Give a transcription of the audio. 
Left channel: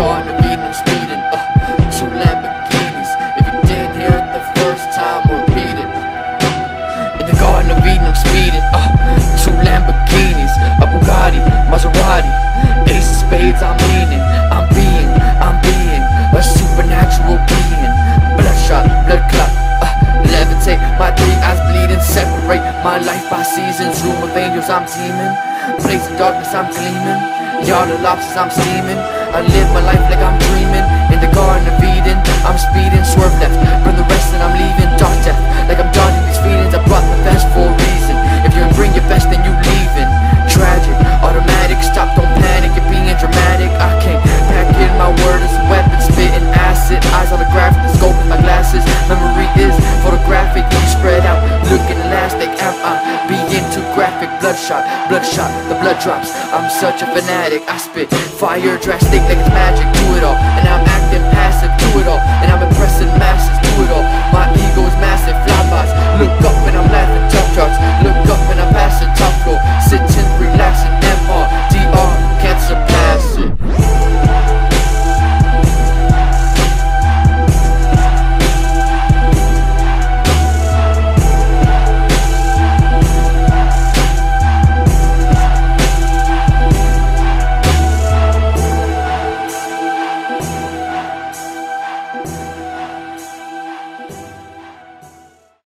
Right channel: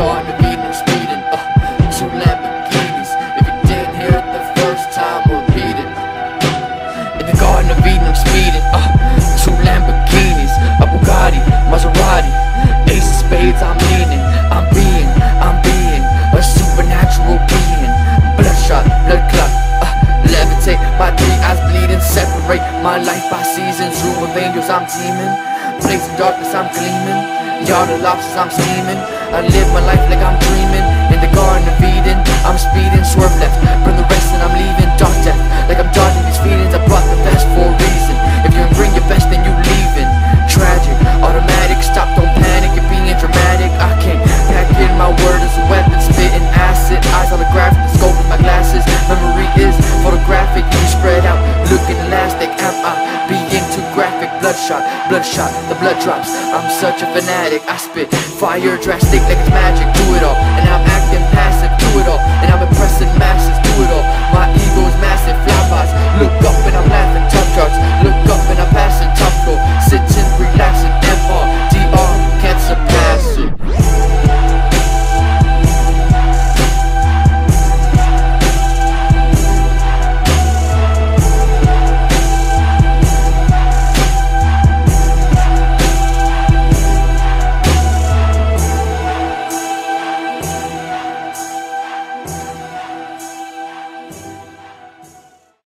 Garden of Eden, I'm speeding, 2 Lamborghinis. If you didn't hear it the first time, we'll repeat it. In the Garden of Eden, I'm speeding, 2 Lamborghinis, a Bugatti, Maserati, ace of spades, I'm leaning. I'm being a supernatural being. Bloodshot, blood clot, levitate, my 3 eyes bleeding. Separate my life by seasons. Room of angels, I'm teeming. Place in darkness, I'm gleaming. Yard of lobsters, I'm steaming. I live my life like I'm dreaming. In the Garden of Eden, I'm speeding. Swerve left, burn the rest and I'm leaving. Dark death, like I'm dodging these feelings. I brought the best for a reason. If you ain't bring your best, then you leaving. Tragic, automatic, stop, don't panic, you're being dramatic. I can't pack in my word as a weapon, spitting acid. Eyes holographic, the scope is my glasses. Memory is photographic, you spread out, looking elastic. Am I being too graphic? Bloodshot, the blood drops. I'm such a fanatic, I spit fire drastic like it's magic. Do it all, and I'm acting passive. Do it all, and I'm impressing masses. Do it all, my ego is massive. Flybys, look up.